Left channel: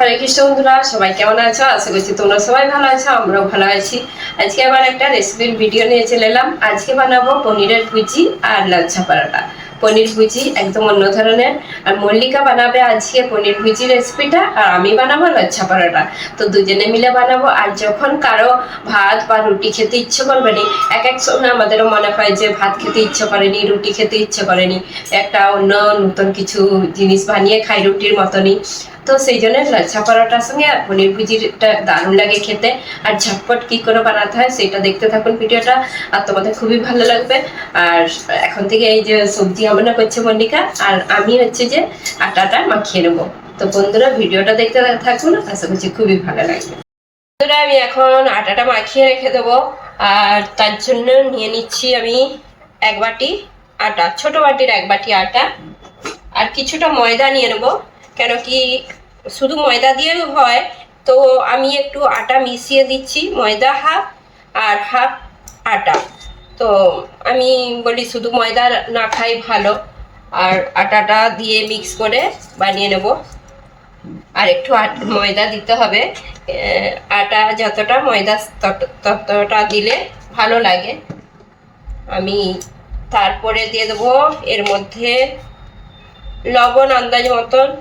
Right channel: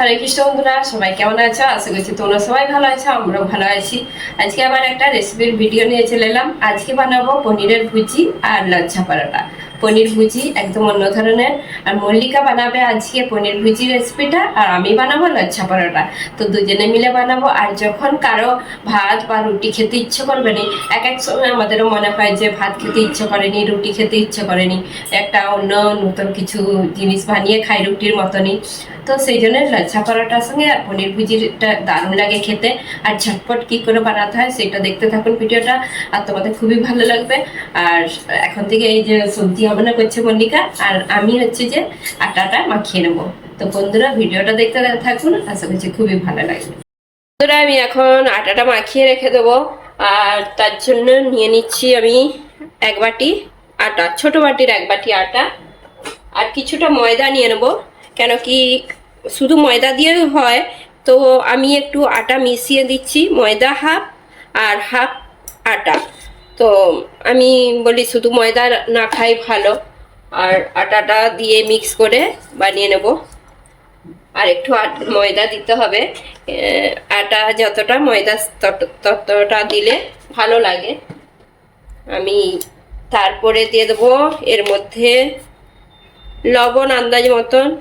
হরে কৃষ্ণ বন্ধুরা, সবাই কেমন আছো? আশা করছি তোমরা সবাই ভালো আছো, আমরাও ভালো আছি। আজকে আবার একটা রেসিপির ভিডিও নিয়ে চলে এলাম। আজকে বানাবো পনিরের ভুজি আর লাচ্ছা পরোটা। পনির ভুজি একদম অন্য ধরনের। আর মল্লিকা বানাবে আজকে পনির ভুজি রেসিপিটা আর আমি বানাবো লাচ্ছা পরোটা। তো দুজনে মিলে বানাবো। আর যখন কারও ভাত বা রুটি খেতে ইচ্ছে করবে নি, এক এক সময় আমাদেরও মনে হয় যে ভাত খেতে ইচ্ছে করেনি, রুটি খেতে ইচ্ছে করেনি। একটা অন্য নতুন কিছু জিনিস বানিয়ে খাই রুটির মতনই। তো সেই জন্য লাচ্ছা পরোটার সঙ্গে আর পনির ভুজিটা দারুণ লাগে খেতে। আর ঝটপট কি করে বানাতে হয় সেটা দেখতে থাকুন ভিডিওটা, আর তোমাদের খুবই ভালো লাগবে। আর এখন থেকে এই যে সবজি রান্না করছে মল্লিকা, আর আমি হচ্ছে যে আটাটা মাখিয়ে নেব। তো বন্ধুরা, ভিডিওটা দেখতে থাকুন, আশা করছি খুবই ভালো লাগবে। বন্ধুরা, আমি এখন আটাটা মাখিয়ে রেখে দেবো, আর তার জন্য নিয়ে নিচ্ছি আমি এক বাটি আটা, ছোট বাটির এক বাটি আটা। আর কিছুটা ময়দা নিয়ে নেব। কেন কি শুধু ময়দা দিয়েও হয়, তো আমি একটু আটা মিশিয়ে দিচ্ছি, ময়দা হাফ আর হাফ আটা। তো আমি বলি শুধু ময়দা না খাই ভালো, আর আটাটা দিয়ে মিক্স করে বানিয়ে নেব। আর একটু ময়দা দিতে হবে। আটা যতটা ময়দা তত- ততটা দিলে ভালো লাগে। আমি তারপরে দিয়ে দেবো এর মধ্যে লবণ আন্দাজ মতন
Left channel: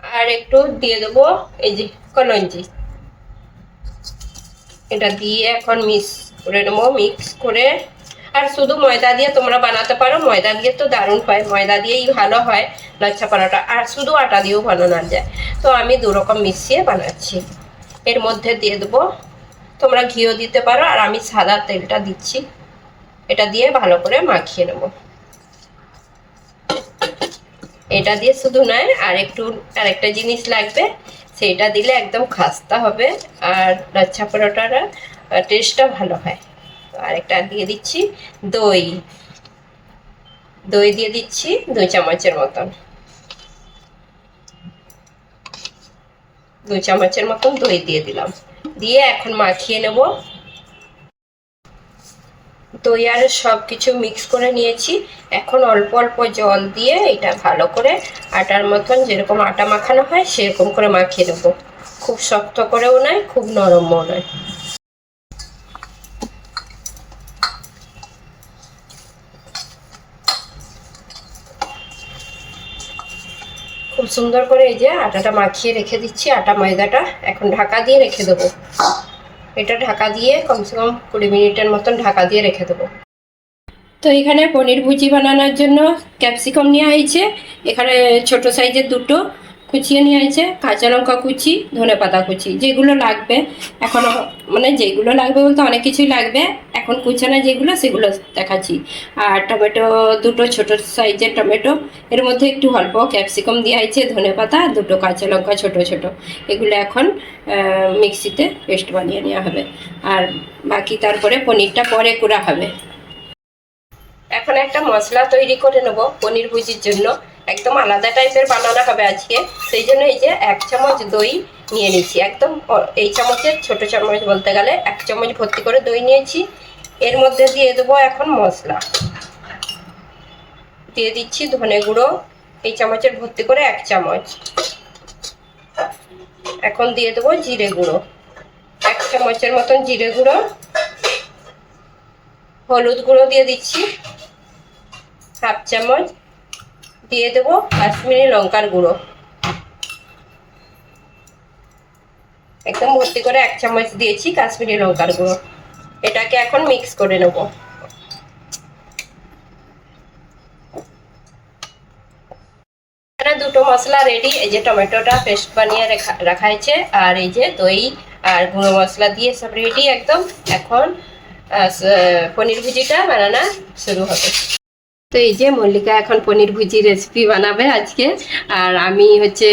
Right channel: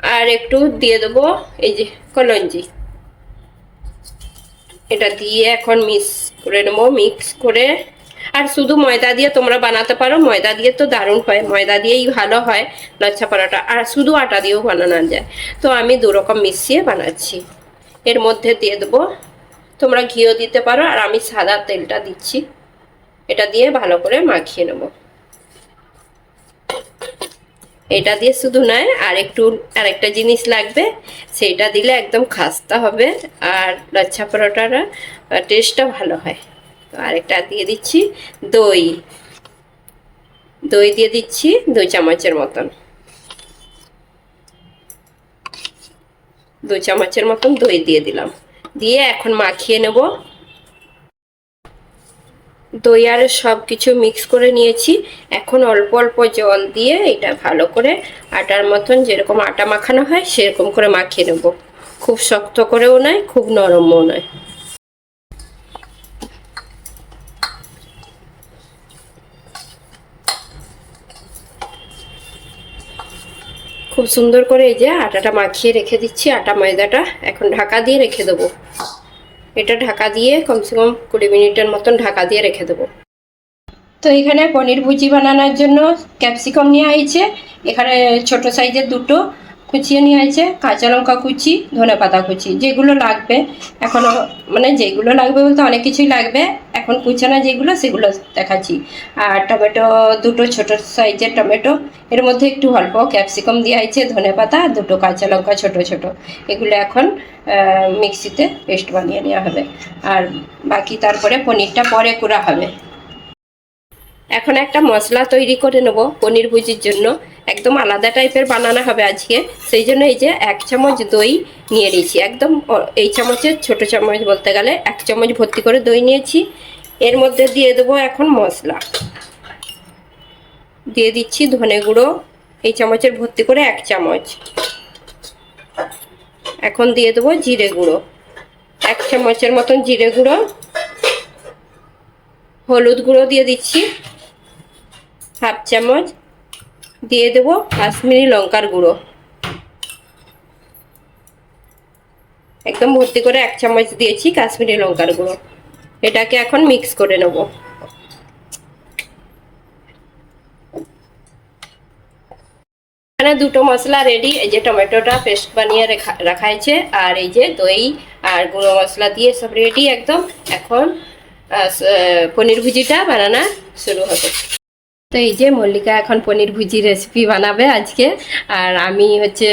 আর একটু দিয়ে দেবো এই যে কলঞ্জি। এটা দিয়ে এখন মিক্স করে নেব মিক্স করে। আর শুধু ময়দা দিয়ে তোমরা বানাতে পারো, ময়দা দিয়ে তো দারুণ হয়, ময়দা দিয়েই ভালো হয় লচ্ছা পরাটা। আর শুধু আটা দিয়েও বানানো যায়। তো আমি দু রকম মিশিয়ে বানাচ্ছি। এর মধ্যে দিয়ে দেবো, তোমরা ঘিও দিতে পারো, আর আমি সাদা তেলটা দিচ্ছি। এটা দিয়ে ভালো করে মাখিয়ে নেব। এটা দিয়ে শুধু নয়, আর একটু আরেকটা জিনিস লাগবে সেইটা দিলে একদম খাস্তা হবে, আর লাচ্ছা পরোটার টেস্টটা ভালো হয়। তো আরেকটা দিয়ে দিচ্ছি দই। দই দিয়ে দিচ্ছি দুই চামচের মতন। দুই চামচের মতন দই দিয়ে দিলাম। দিয়ে এখন মাখিয়ে নেব। দই আর সব কিছু মিক্স করে নিয়েছি। এখন অল্প অল্প জল দিয়ে এটা ভালো করে আটার মতন যেরকম আটা মাখানো হয় সেরকম করে মাখিয়ে নেব। খুব শক্ত করেও নয়, খুব নরমও নয়। খুব সুন্দর করে এই যে আটাটা মাখিয়ে রেখে দিচ্ছি, আটা ময়দাটা এখন ঢাকা দিয়ে রেখে দেবো। এটা ঢাকা দিয়ে কমসে কম কুড়ি মিনিটের মতন ঢাকা দিয়ে রেখে দেবো। তো এখানে পনির ভুজি বানানোর জন্য ক্যাপসিকাম নেওয়া হয়েছে এখানে ছোট সাইজের দুটো। কুচিয়ে নেওয়া হয়েছে কাঁচা লঙ্কা কুচি, ধনে পাতা কুচি, যেগুলো লাগবে। এখনও মানে যেগুলো লাগবে বলতে অনেক কিছুই লাগবে। এখন কুচানো যেগুলো, সেগুলো দেখাচ্ছি। আর টমেটো দুটো ছোট সাইজের টমেটো, এর মধ্যে একটু অল্প ক্যাপসিকাম দেওয়া হয়েছে ধনে পাতা, দুটো কাঁচা লঙ্কা, ছোট ছোট। এগুলো এখন মিক্সিতে পেস্ট বানিয়ে নেওয়া হবে। আর বাকি তারপরে পনিরটা পরে করা হবে। এখন একটা মশলা তৈরি করে নেব, পনির ভুজির জন্য। একদম আলাদা টাইপের বানানো হবে আজকে। সেই জন্য এই যে এক চামচ দই নিয়ে নিয়েছি। একদম এই চামচের ছোট চামচ বলতে গেলে এক চামচ ভর্তি করে দই নিয়েছি। এর মধ্যে দিয়ে দেবো এখন মশলা। দিয়ে দিচ্ছি ধনে গুঁড়ো, এই চামচের ভর্তি করে এক চামচ। এখন দিয়ে দেবো জিরে গুঁড়ো। এক চামচের মতন জিরে গুঁড়ো, হলুদ গুঁড়ো দিয়ে দিচ্ছি। হাফ চামচ দিয়ে দেবো কাশ্মীরি লঙ্কার গুঁড়ো। একদম ভর্তি করে এক চামচ দিয়েছি কাশ্মীরি লঙ্কার গুঁড়ো। এটাকে এখন মিক্স করে নেব। এখানে দুটো মশলা রেডি, এই যে টমেটোটা পেস্ট বানিয়ে রেখা হয়েছে, আর এই যে দই আর গুঁড়ো মশলা দিয়ে সব রেডি একদম। এখন পনির ভুজিটা বানানো শুরু হবে। তো এই যে মল্লিকা এখন পনির ভুজি রেসিপি বানাবে আজকে। আর আমি হচ্ছে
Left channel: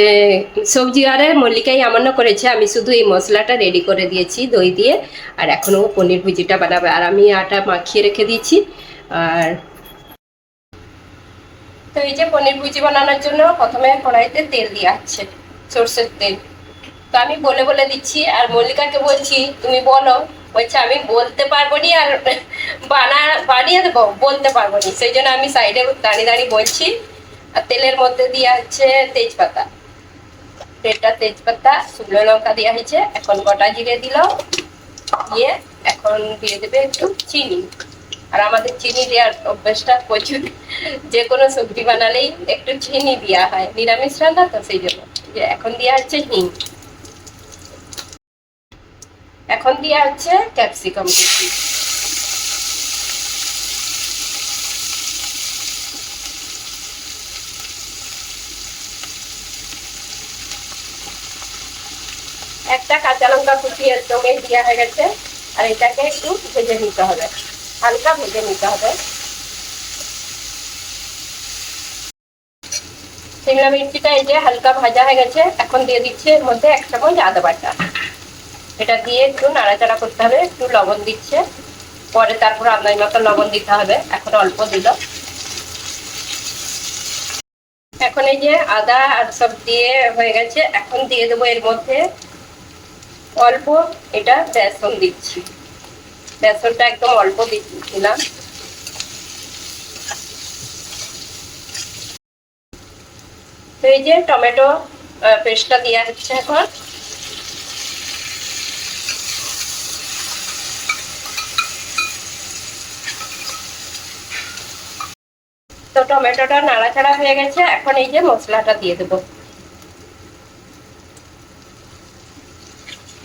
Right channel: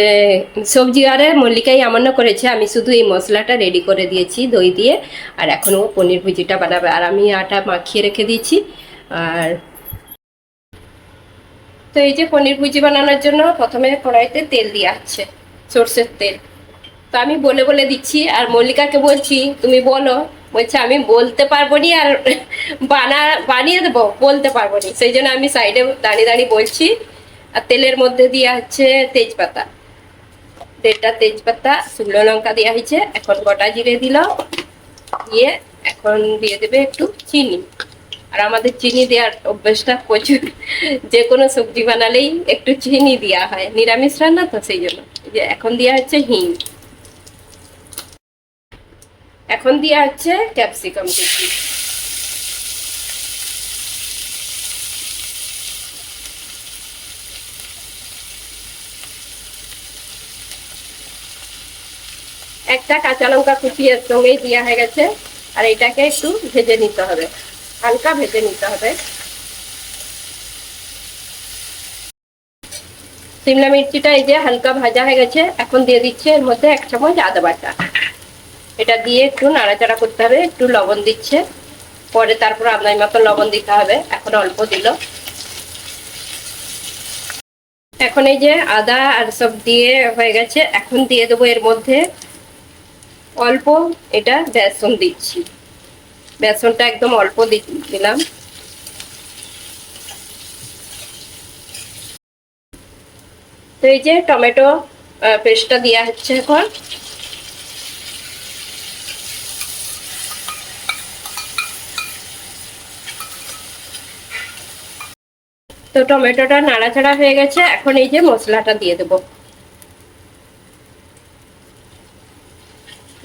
সবজি আরে মল্লিকাই আমান্য করেছে। আমি শুধু এই মশলাটা রেডি করে দিয়েছি, দই দিয়ে। আর এখন ও পনির ভুজিটা বানাবে। আর আমি আটা মাখিয়ে রেখে দিয়েছি। আর তো এই যে পনির ভুজি বানানোর জন্য প্রথমে কড়াইতে তেল দেওয়া হচ্ছে সর্ষের তেল। তো আমি বলে বলে দিচ্ছি, আর মল্লিকাকে বলছি, তুমি বলো বলছে, আমি বলতে পারব নি আর বানা, বানিয়ে দেবো, বলতে পারব নি। সেই জন্য আমি সাইডে দাঁড়িয়ে দাঁড়িয়ে বলছি, আর তেলের মধ্যে দেওয়া হচ্ছে তেজপাতা। তেলটা, তেজপাতা, শুকনো লঙ্কা দেওয়া হয়েছে, এখন গোটা জিরে দিল, দিয়ে এখন দিয়ে দেবে একটু চিনি। আর আমাদের চিনি দেওয়ার অভ্যেসটা প্রচুর, যে কোনো সবজি বানালেই একটু চিনি দেওয়া হয়, নিরামিষ রান্না তো সেই জন্য। যে এখন দেওয়া হচ্ছে হিং। এখন দেওয়া হচ্ছে ক্যাপসিকাম একটা কাঁচা লঙ্কা কুচি সঙ্গে দেওয়া হয়ে গেছে, আর এটাকে একটু ভেজে নিতে হবে। হালকা ভেজে নিতে হবে। সিমলা মির্চিটা এই যে হালকা ভাজা হয়ে গেছে, এখন দিয়ে দিচ্ছে এর মধ্যে এক চামচ আদা বাটা। এটা দিয়ে একটু নাড়াচাড়া করতে হবে, একটু লবণ দিচ্ছে। পরে তারপর আপনার মতো লবণ দিতে হবে, এখন অল্প দিল। এখন এই যে আদা আর সব দিয়ে হয়ে গেছে, এখন দিয়ে দেবো এর মধ্যে অল্প এটা বেসন দিচ্ছি। বেসনটা একদম অল্প দিলাম। তো এই যে টমেটো পেস্টটা দেওয়া হচ্ছে এখন। তো টমেটোটা নাড়াচাড়া হয়ে গেছে, এখন এই যে মশলাটা দিয়ে দেবো।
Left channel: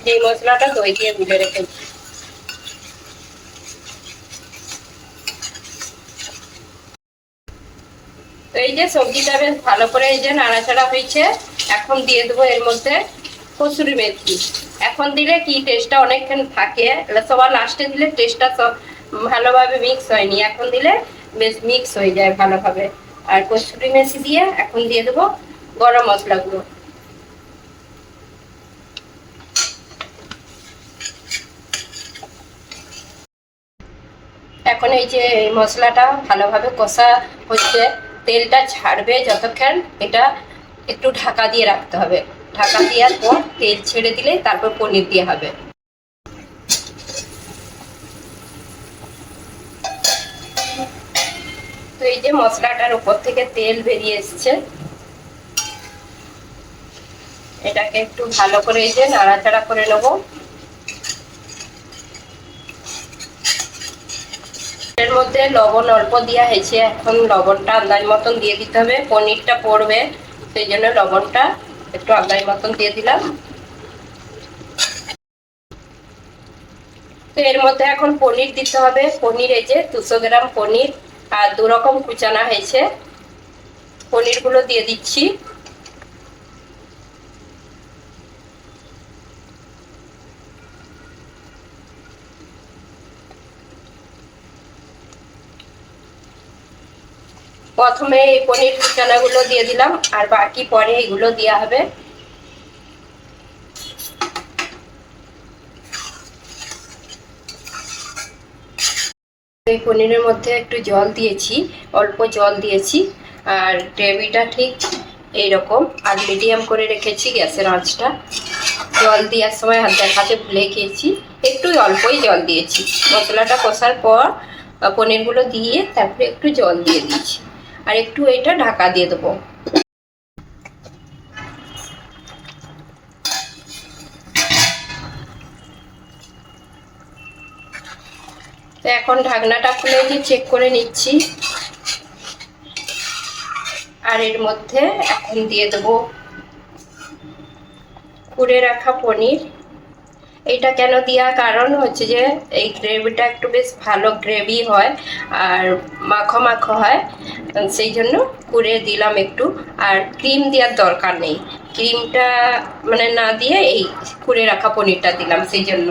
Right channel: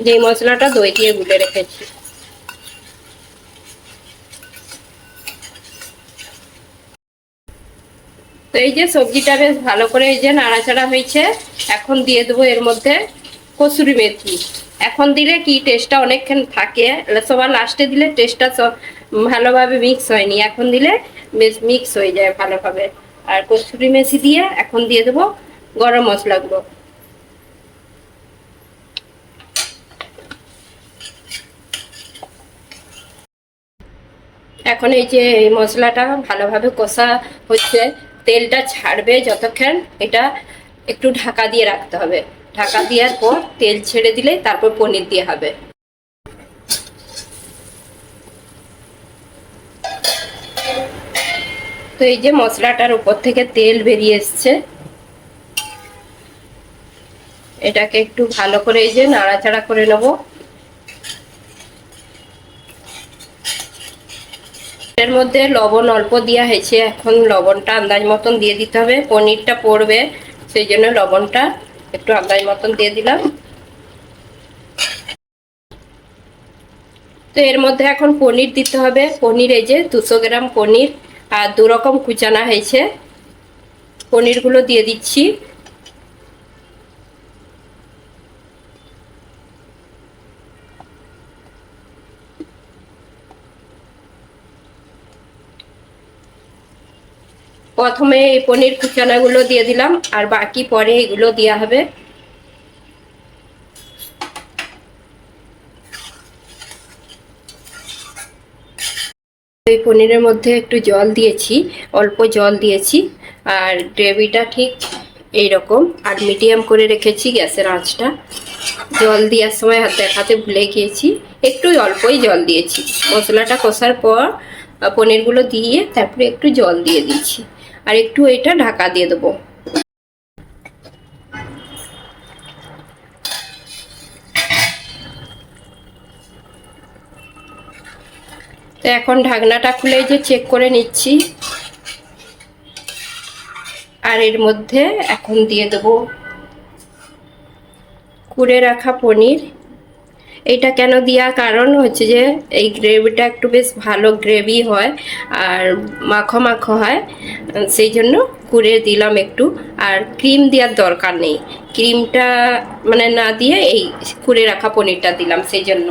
যে মশলাটা দই দিয়ে গুলে রেখেছি। তো এই যে সবজিটা বেশ ভালো করে এই যে নাড়াচাড়া হয়েছে, এখন দিয়ে দেবো এর মধ্যে কসুরি মেথি। এখন দিলে কি টেস্টটা অনেকক্ষণ থাকে, সবার লাস্টে দিলে টেস্টটা সব ভালোভাবে মিক্স হয়নি, এখন দিলে বেশ মিক্স হয়ে যায় ভালোভাবে। আর কসুরি মেথি দিয়ে এখন দিয়ে দেবো গরম মশলাগুলো এখন এই যে এই মশলাটা ভালোভাবে কষা হচ্ছে, তেলটা ছাড়বে যতক্ষণ এটা একটু ঢাকা দিয়ে রাখতে হবে। ঢাকা দেওয়ার পর তেল ছেড়ে দিলে তারপর পনির দিয়ে হবে। তো এই যে মশলাটার উপর থেকে তেল বেরিয়ে এসছে। এটাকে একটু ভালো করে এই যে নাড়াচাড়া করে নেব। এর মধ্যে লবণ অল্প দেওয়া হয়েছে। এখন লবণটা আন্দাজ মতন দিয়ে দিতে হবে। পনিরটা পড়বে, সেই জন্য লবণটা একটু আন্দাজ মতন দিয়ে দিলাম। তো এর মধ্যে এখন পনির দিতে হবে। পনির এই যে দুশো গ্রাম পনির। আর দু রকম কুচানা হয়েছে। পনিরগুলো দিয়ে দিচ্ছি। প্রথমে এই পনির কুচানাগুলো দিয়ে দিলাম, আর বাকি পরে এগুলো দেওয়া হবে। এই পনিরের মধ্যে একটু জল দিয়েছি, অল্প জল দিয়েছি। আর গ্রেভিটা ঠিক এই রকম আর মিডিয়াম করে রেখেছি গ্যাসের আঁচটা। জল দেওয়ার সময় হাত দেখাতে ভুলে গিয়েছি। একটু অল্পই জল দিয়েছি। মশলাটা কষার পর পনিরগুলো দিয়ে তারপরে একটু জল দিয়ে দিচ্ছি আর একটু এটা ঢাকা দিয়ে দেবো। তো এখন ঢাকনাটা খুলে যে চেক করে নিচ্ছি। আর এর মধ্যে এখন দিয়ে দেবো কুড়ে রাখা পনির। এইটা কেন দেওয়া কারণ হচ্ছে যে, এই গ্রেভিটা একটু বেশ ভালো গ্রেভি হয় আর মাখো মাখো হয়। সেই জন্য কুড়ে দিলাম একটু। আর ক্রিম দেওয়ার দরকার নেই। ক্রিমটা মানে না দিয়ে এই কুড়ে রাখা পনিরটা দিলাম সেই জন্য।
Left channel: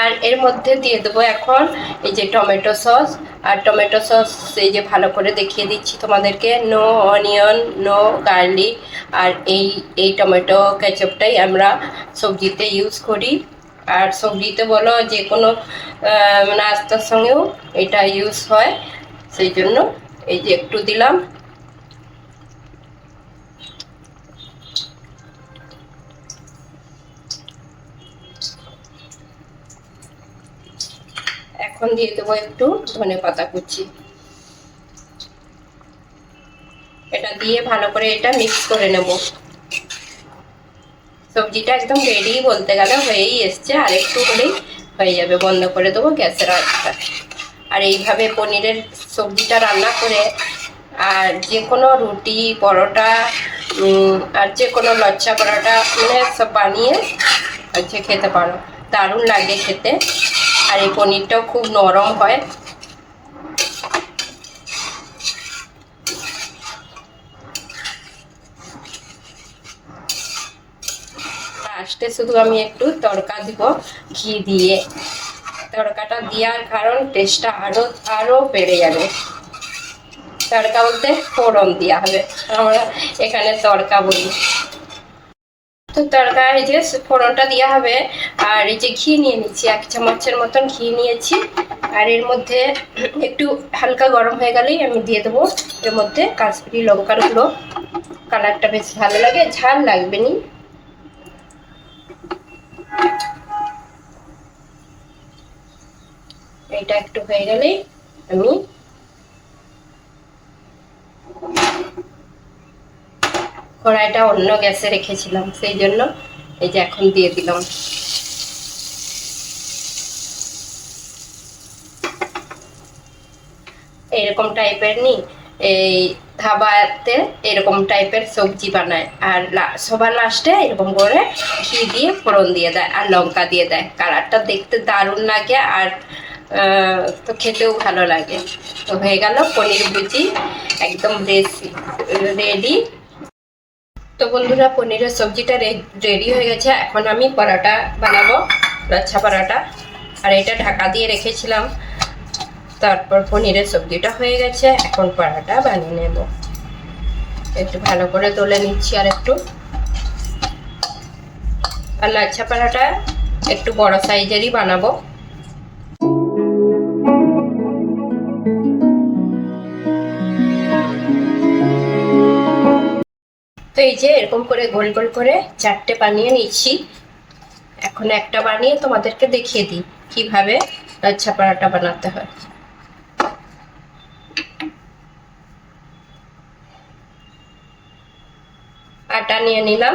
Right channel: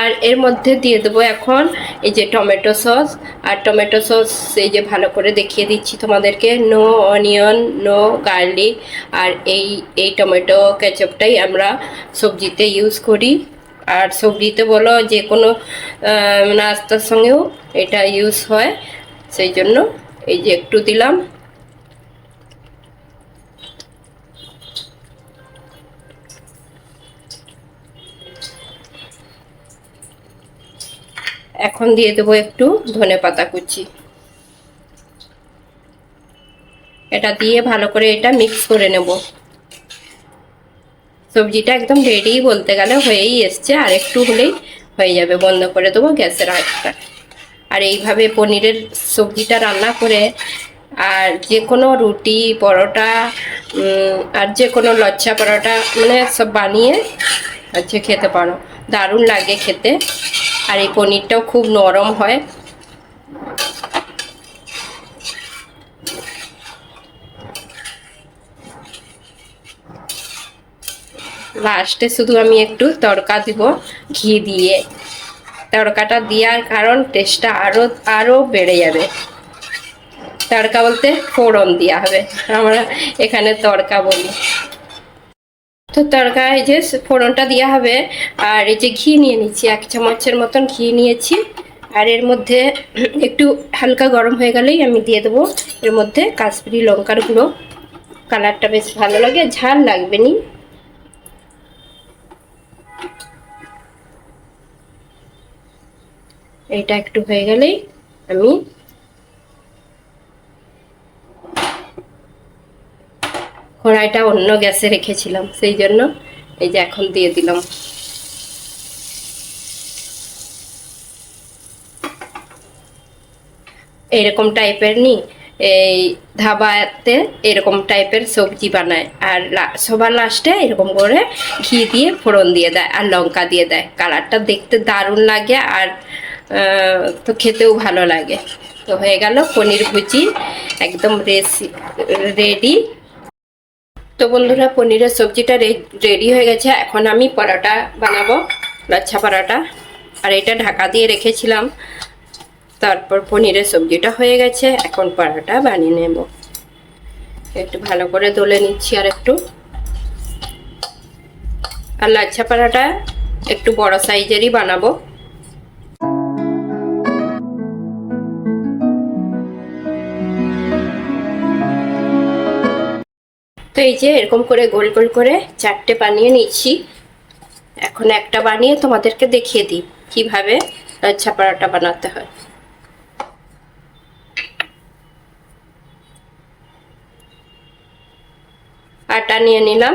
আর এর মধ্যে দিয়ে দেবো এখন এই যে টমেটো সস। আর টমেটো সস এই যে ভালো করে দেখিয়ে দিচ্ছি তোমাদেরকে। নো অনিয়ন নো গার্লিক আর এই এই টমেটো কেচাপটাই আমরা সবজিতে ইউজ করি। আর সবজিতে বলো যে কোনো নাস্তার সঙ্গেও এটা ইউজ হয়। সেই জন্য এই যে একটু দিলাম। এখন দিয়ে দেবো একটু ধনে পাতা কুচি। এটা দিয়ে ভালো করে এটা মিক্স করে নেব। সবজিটা একদম রেডি বলতে গেলে হয়েই এসছে, আর একটু হলেই হয়ে যাবে, বন্ধ করে দেবো গ্যাসের আঁচটা। আর এইভাবে পনিরের সবজিটা রান্না করে, আর যে কোনো রুটি, পরোটা আর যে কোনো লচ্ছা পরোটা মানে সব বানিয়ে হচ্ছে খেতে পারো। দারুণ লাগে খেতে। আর এই পনিরটাও খুব নরম হয়। লাস্টে শুধু আমি একটু তড়কা দিব, ঘি দিয়ে। তড়কাটা দেওয়ার কারণ টেস্টটা আরও আরও বেড়ে যাবে। তড়কা বলতে ফোড়ন দেওয়া হবে। আমরা এখানে তড়কা বলি। তো এই যে ফোড়নটা দেওয়া হবে। আর এই যে ঘি নিয়ে নিচ্ছি, এক চামচের মতন ঘি নিয়েছি। আর এর মধ্যে একটু হালকা গরম হয়ে গেলেই আমি দিয়ে দেবো। এর মধ্যে কাশ্মীরি লঙ্কার গুঁড়ো। কালারটা বেশ ভালো লাগে, ঝাল লাগবে নি। এটা একটু হয়ে গেলেই আমি কড়াইটা অন্য গ্যাসে রেখেছিলাম, সেই জন্য এই যে এখন দিয়ে দিলাম। এরকম টাইপের নি, এই ধাবাতে এরকম টাইপের সবজি বানায়, আর সবার লাস্টে এরকম করে ঘি দিয়ে ফোড়ন দিয়ে দেয় আর লঙ্কা দিয়ে দেয়। কালারটা দেখতে দারুণ লাগে আর তো খেতেও ভালো লাগে। তো হয়ে গেল পনির ভুজি, একদম রেসি রেডি তো বন্ধুরা, পনিরের সবজিটা রেডি হয়ে গেছে। এখন আমি পরোটা বানাবো, লাচ্ছা পরোটা। আর এটা ঢাকা দিয়ে রেখেছিলাম। তারপর পনিরের সবজিটা হয়ে গেছে। এখন পরোটা বানিয়ে নেব। একটু ভালো করে দলে নিচ্ছি আর একটু। আর লাচ্ছা পরোটা একটু বড় সাইজেরই বানাবো। এই যে এরকম করে গোল গোল করে চারটে বানিয়ে নিচ্ছি এখন একটা বানিয়ে তোমাদেরকে দেখিয়ে দিই কীভাবে লাচ্ছা পরোটা বানাতে হয়। আটা নিয়ে নিলাম।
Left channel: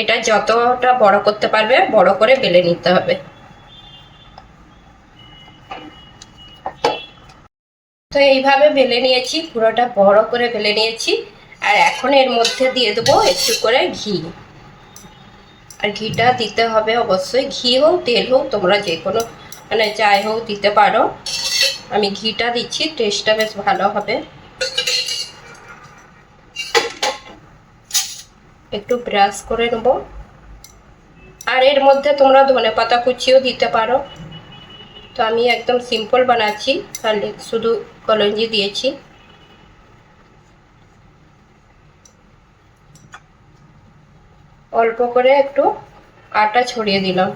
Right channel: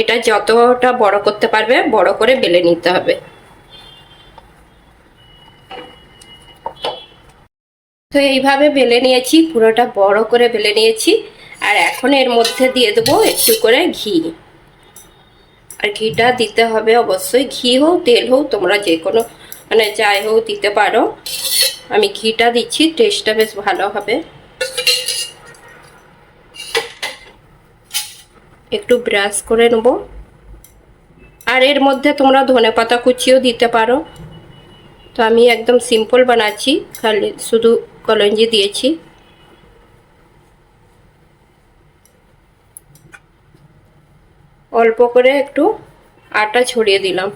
এটা যতটা বড় করতে পারবে বড় করে বেলে নিতে হবে। তো এইভাবে বেলে নিয়েছি, পুরোটা বড় করে বেলে নিয়েছি। আর এখন এর মধ্যে দিয়ে দেবো একটু করে ঘি। আর ঘিটা দিতে হবে অবশ্যই, ঘি হোক, তেল হোক, তোমরা যে কোনো মানে যাই হোক দিতে পারো। আমি ঘিটা দিচ্ছি টেস্টটা বেশ ভালো হবে। একটু ব্রাশ করে নেব। আর এর মধ্যে তোমরা ধনে পাতা কুচিও দিতে পারো। তো আমি একদম সিম্পল বানাচ্ছি। খালি শুধু কলঞ্জি দিয়েছি। অল্প করে একটু আটা ছড়িয়ে দিলাম।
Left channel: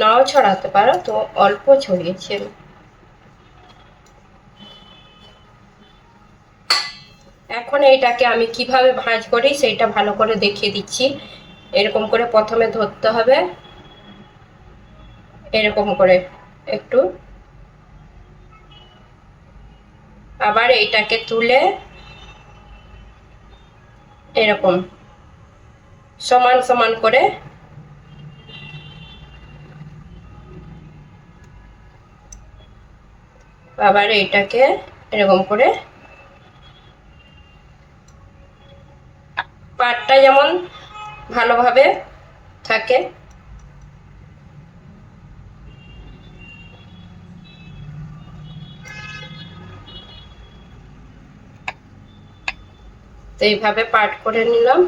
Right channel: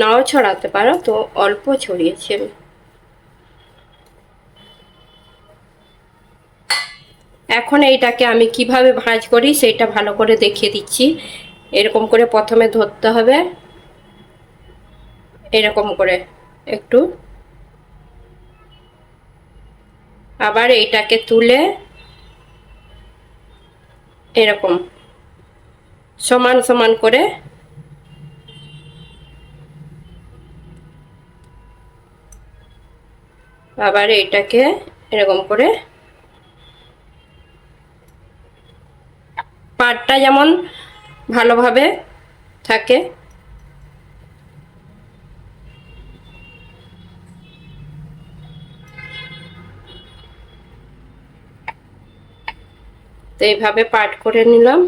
নাও ছড়াতে পারো, তো অল্প ছড়িয়েছি আমি। এখন এইটাকে আমি কীভাবে ভাঁজ করি সেইটা ভালো করে দেখিয়ে দিচ্ছি। এরকম করে প্রথমে ধরতে হবে। এরকম করে। একটু। আবার এইটাকে তুলে এরকম সমান সমান করে আবার এইটাকে এরকম করে পাটটা যেমন ভালোভাবে থাকে তো এইভাবে পাট করে নিলাম।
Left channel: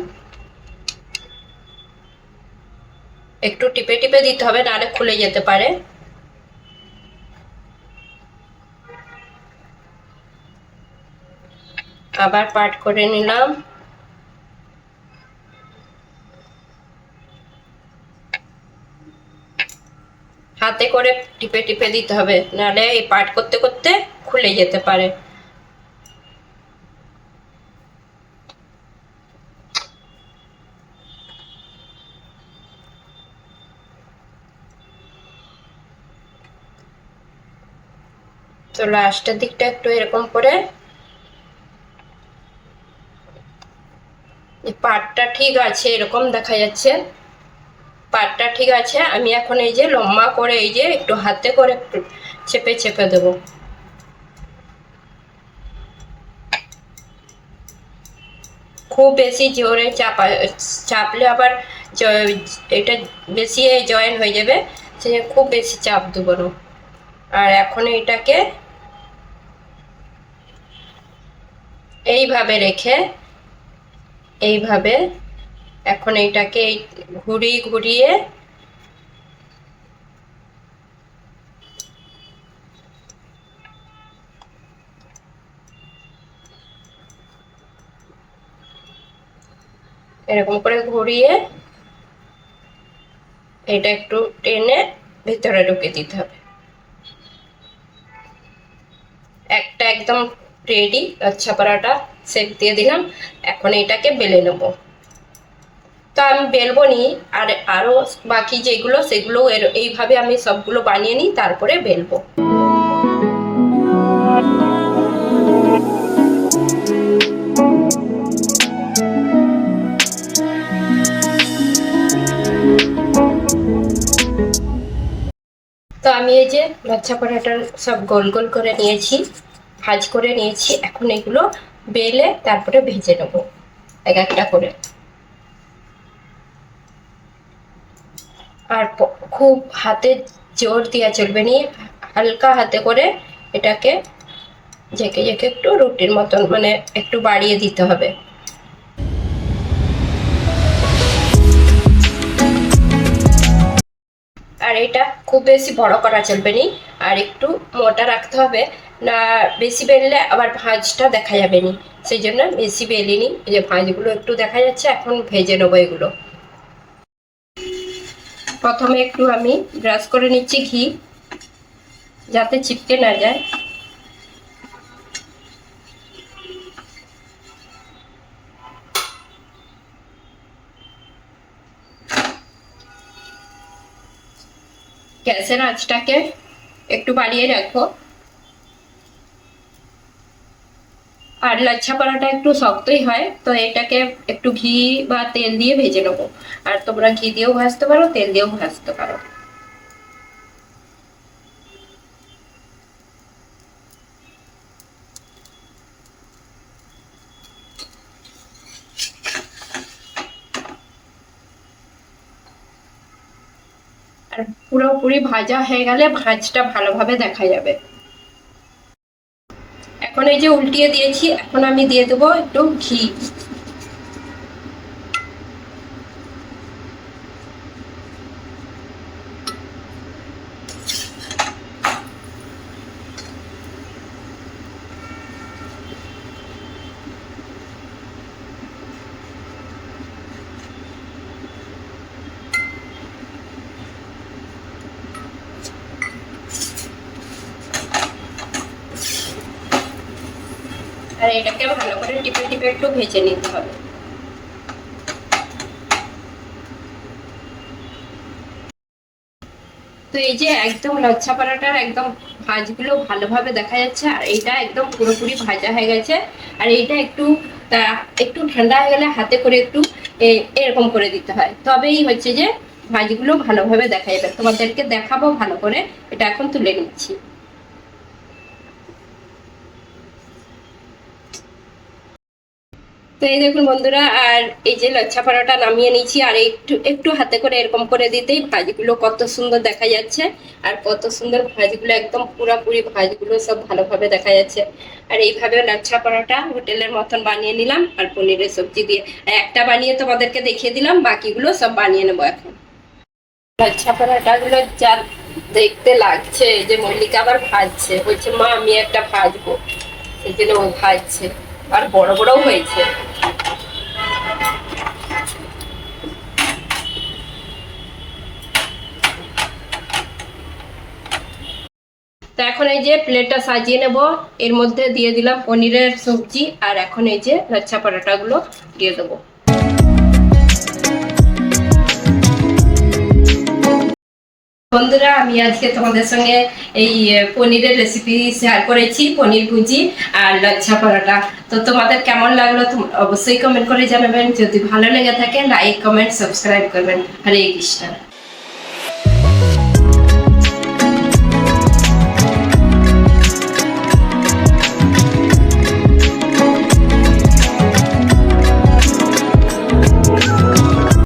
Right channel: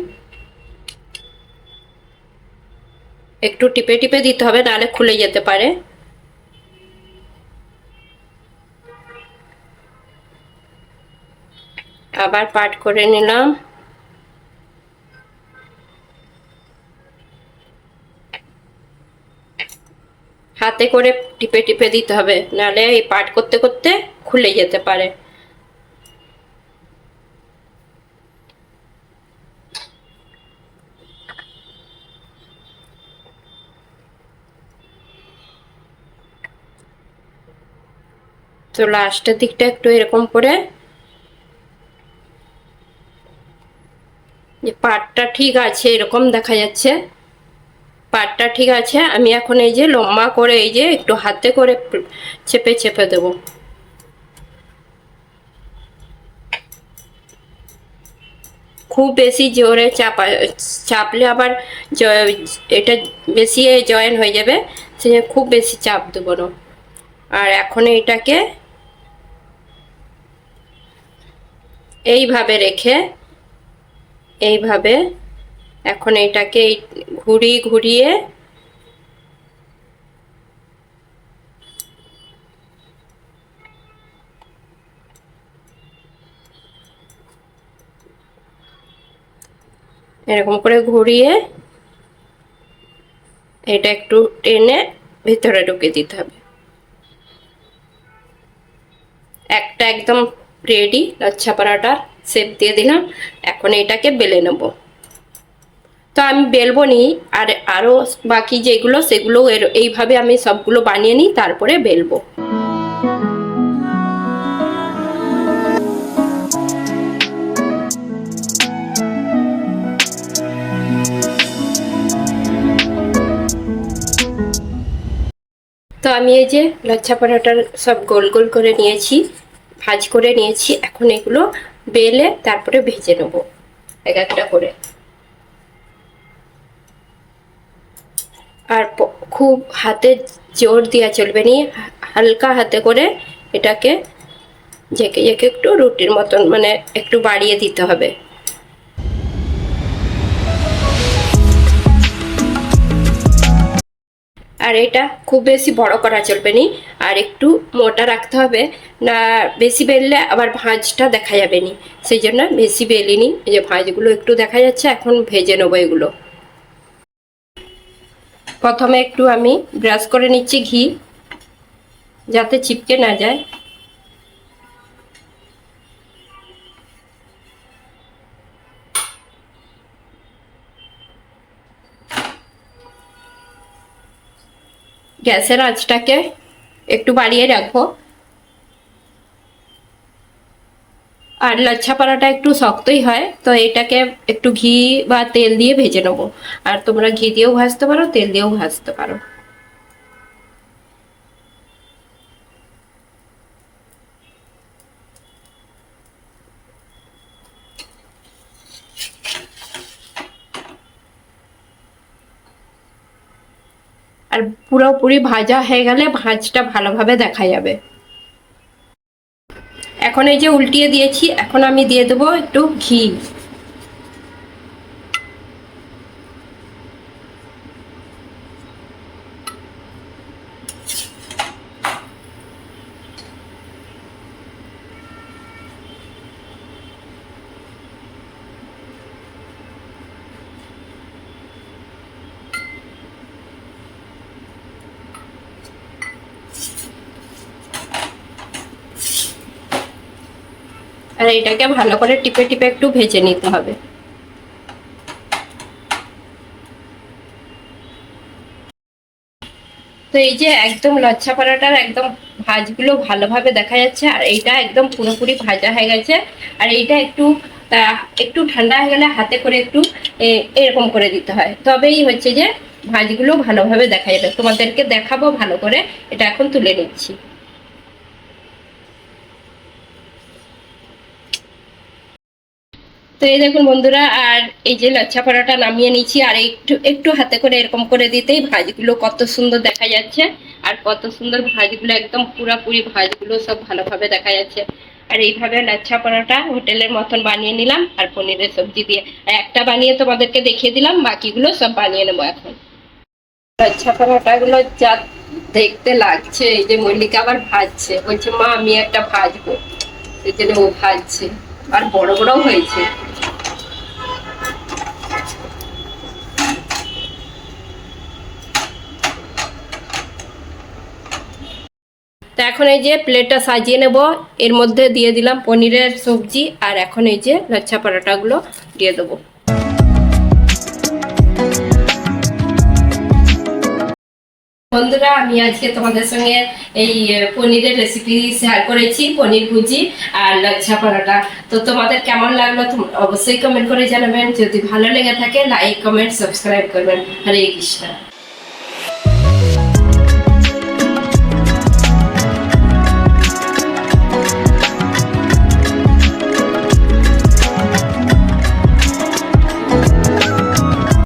একটু টিপে টিপে দিতে হবে, নাহলে খুলে যেতে পারে। আবার পাট করে নিলাম। হাতে করে টিপে টিপে দিতে হবে, নাহলে এই পাট করতে করতে খুলে যেতে পারে। তো লাস্টের দিকটা একটু এরকম করে যে পাটটা ঠিক আছে, এরকম দেখা যাচ্ছে। পাটটা ঠিক আছে, আমি এখন এই যে লম্বা করে এই যে একটু হাতে করে চেপে চেপে দেবো। খুব বেশি জোরে চাপা, চাপলে আবার এটা বেশি জয়েন হয়ে যাবে, সে খুব বেশি চাপ দেবো না। আর এখন এইটাকে এইভাবে রেখে এইভাবে এখন এইটাকে এই ঘুরিয়ে ঘুরিয়ে এরকম করে ঘুরিয়ে এটা একটু টেনে ভিতরে ঢুকে দিতে হবে। একটা একদম রেডি, লচ্ছা পরাটা সেপ দিয়ে দিলাম। এখন এটাকে বেলে নেব। তো আমি বেলবো নি, আর আরও বাকি যেগুলো, সেগুলো এইভাবে আমি সবগুলো বানিয়ে নিই, তারপরে বেলবো। তো আমি এই যে লাচ্ছা পরোটার সব গোল গোল করে নিয়েছি। ভাজ করে নিয়েছি। এখন এগুলো বেলে তারপরে ভেজে নেব। এক একটা করে। আর খুব হাতে জোর দেওয়া চলবে নি। হালকা হাতে করে এটাকে জেঁকে জেঁকে একটু রুটির মতন মানে একটু বাড়িয়ে দিতে হবে। আর এটা খুব বেশি বড় করা চলবে নি। আর একটু মোটা রাখতে হবে। না, বেশি বেললে আবার ভাঁজটা দেখা যাবে নি। সেই জন্য বেশি বেলিনি যে ভাঁজগুলো একটু দেখা যাচ্ছে, এখন ভেজে নেব এগুলো। প্রথমে একটু আমি ব্রাশ করে নিচ্ছি ঘি, যাতে চিপকে না যায়। গ্যাসের আঁচটাকে একটু বাড়িয়ে রাখব। আর লাচ্ছা পরাটা একটু শক্তই হয়, তো এটাকে একটু ঘি বা তেল দিয়ে ভেজে নেব। আর তোমরা ঘি দিয়েও ভাজতে পারো, তেল দিয়েও ভাজতে পারো। আর পুরোপুরি ভাজা হয়ে গেলে ভাঁজটা ভালোভাবে দেখা যাবে। এখন এই যে উল্টিয়ে দিয়েছি, এখন আমি দিয়ে দেবো একটু ঘি। এটাকে ভালো করে টিপে টিপে একটু ভেজে নিতে হবে। তো এই যে একদম লচ্ছা পরোটার একদম ভাজগুলো ভালোভাবে দেখা যাচ্ছে, আর এইটা একদম পুরোপুরি ভাজা হয়ে গেছে। আর এইটা একটু একটু ঠান্ডা হয়ে গেলে হাতে করে একটু এরকম করে দিতে হয়। তবেই হচ্ছে যে ভাজগুলো ভালোভাবে দেখা যাবে। তোমাদেরকে দেখাবো ভালো করে, এটা এখন তুলে নিচ্ছি। তো এই দেখুন বন্ধুরা, আর এই যে লচ্ছা পরাটা নামিয়ে নিয়েছি, আর একটু একটু হাতে করে এরকম করে দিতেই ভাজগুলো কত সুন্দর দেখা যাচ্ছে। আর কত সুন্দর ভাজগুলো, একদম পুরাপুরি ভাজগুলো সব ভালোভাবে দেখা যাচ্ছে। আর এইভাবে লাচ্ছা পরাটা হোটেলের মতন বানিয়ে নিলাম, আর পনিরের সবজি দিয়ে। একটা বানিয়ে তোমাদেরকে দেখিয়ে দিলাম, বাকিগুলো সব বানিয়ে নেব এখন। লাচ্ছা পরাটাগুলো যা দেখতে লাগছে, এই যে মল্লিকা আবার ভাজছে। বলছে, মা, আমি একটা ভাজবো। এই জন্য ও ভাজছে। আর বড় বড়ও হয়েছে। এখন এই যে প্লেটটা সাজিয়ে নেব, এর মধ্যে দিয়ে দিলাম পনিরের সবজি, আর এখন এই যে লাচ্ছা পরোটাগুলো দিয়ে দেবো। বন্ধুরা, আমি আজকে তোমাদের সঙ্গে এই পনিরের রেসিপি শেয়ার করেছি, পনির ভুজি আর লাচ্ছা পরোটা। তো তোমাদের কেমন লাগল অবশ্যই কমেন্ট করে জানাবেন। যদি ভালো লেগে থাকে লাইক কমেন্ট সাবস্ক্রাইব করবেন। হরে কৃষ্ণ।